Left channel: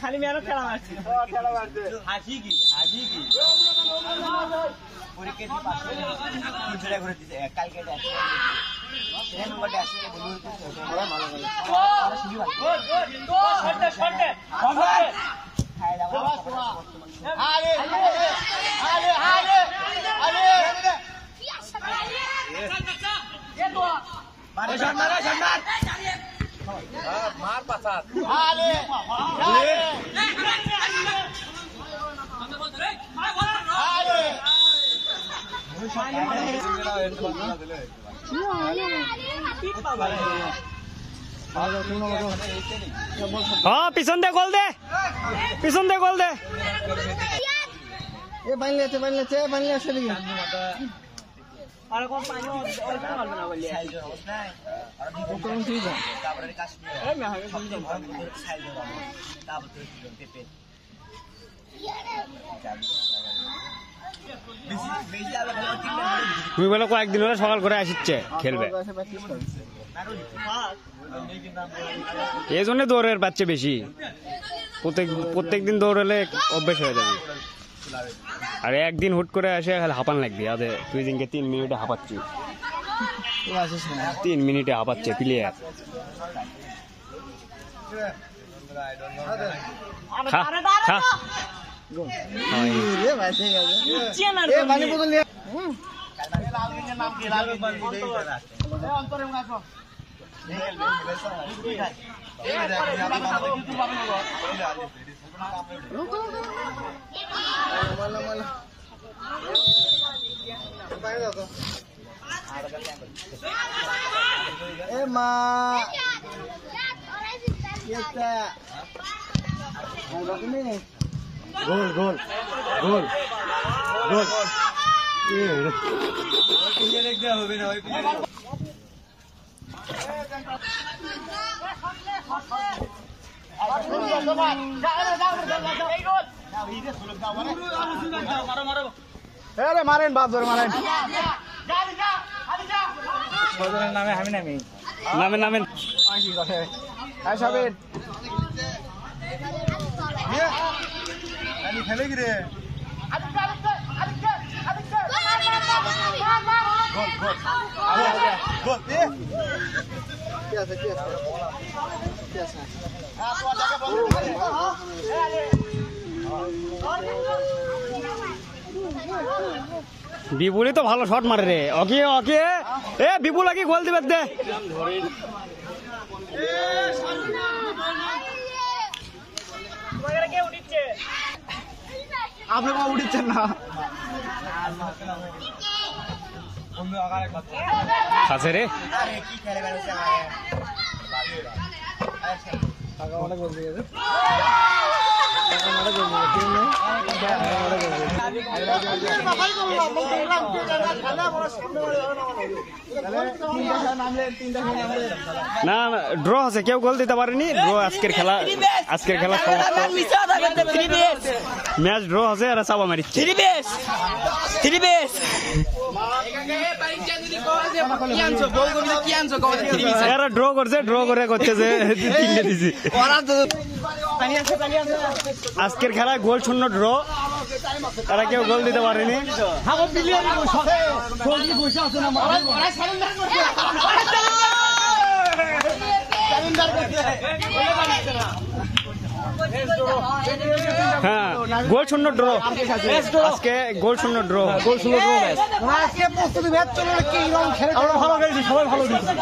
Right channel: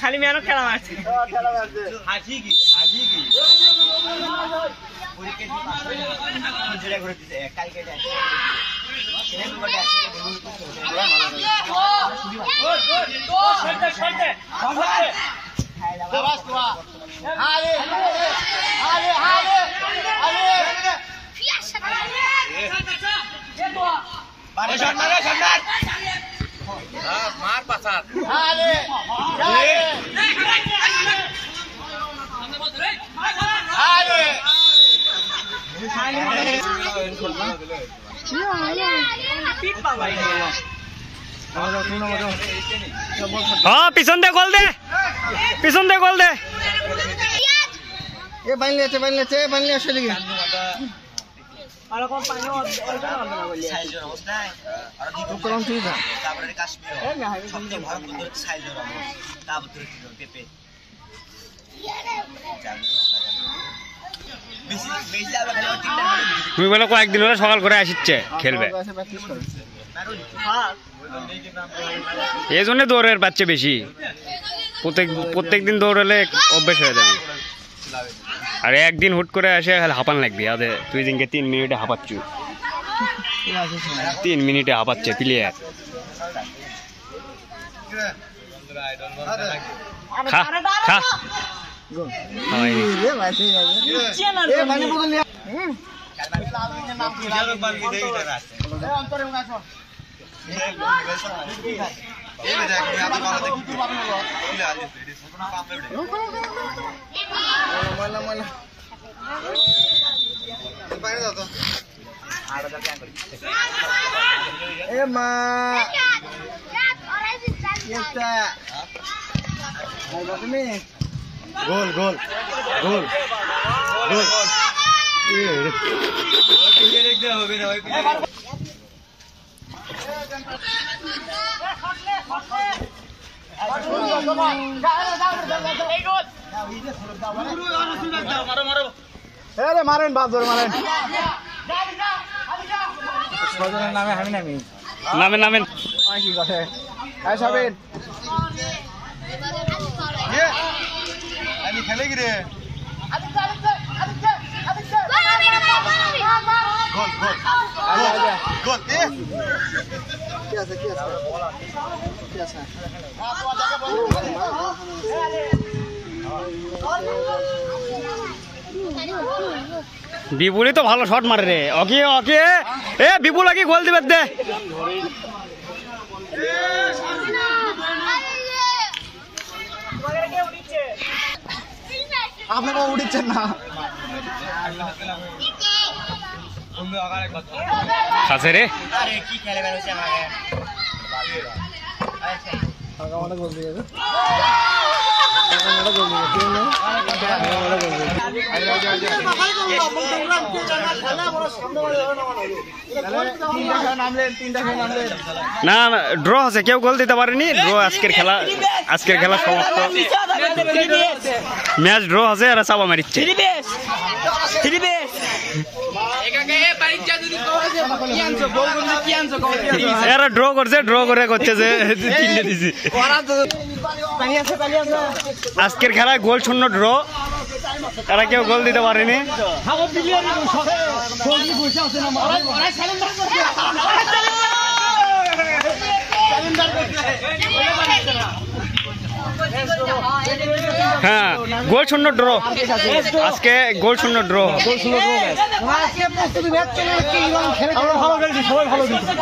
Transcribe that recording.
খালি মেয়েরও খেলা মারছে मार पासात हाँ पिछन दे गोल दे ये बन लेते बन আসলে কি আর কোন পানি সাইজের অবস্থা আর কোন ঠিক আছে তারপরে কাশ্মীর সবচেয়ে বড় বড় সাইজের অবস্থা তারপরে কি পেপে তুমি বলে কয়েকদিন হলে সকাল করে আসছে খেলবে এই জন্য দৌড়ের বাচ্চা বেশি প্রত্যেকদিন দৌড়ালে অভ্যেস হয়ে যাবে আর একদিন হুট করে আসে হাঁপান লাগবে আদে তুই দিনকে 3 মিনিটে হাঁপাচ্ছু 3 মিনিটে হাঁপাচ্ছে প্লেয়ার খা খা গোল গোল গোল গোল মারেন বাপ ধরে মারেন নামে আমি নামেন নামেন খেলে কি রে বিপুলই তো ভালো শট মারে রে ওকে ওকে এ বিপুল আগে গোল দিবে দে আপনি উঠছেন না কাছে রে কি খেলে বেরোছে আমাকে গোল দিয়ে না ড্র আছে কেউ গোল দিতে পারেনি ড্র আজকের খেলা সমাপ্ত ম্যাচ ড্র আছে আর চাপা মারিচ্ছে এরা ড্র করছে যে তিনটে দিছি আজকের খেলায় গোল শূন্য ড্র এরা কেউ গোল দিতে পারেনি হ্যাঁ গোল শূন্য ড্র আজকে গোল শূন্য ড্র ভালো খেলছি সবাই ভালো খেলছি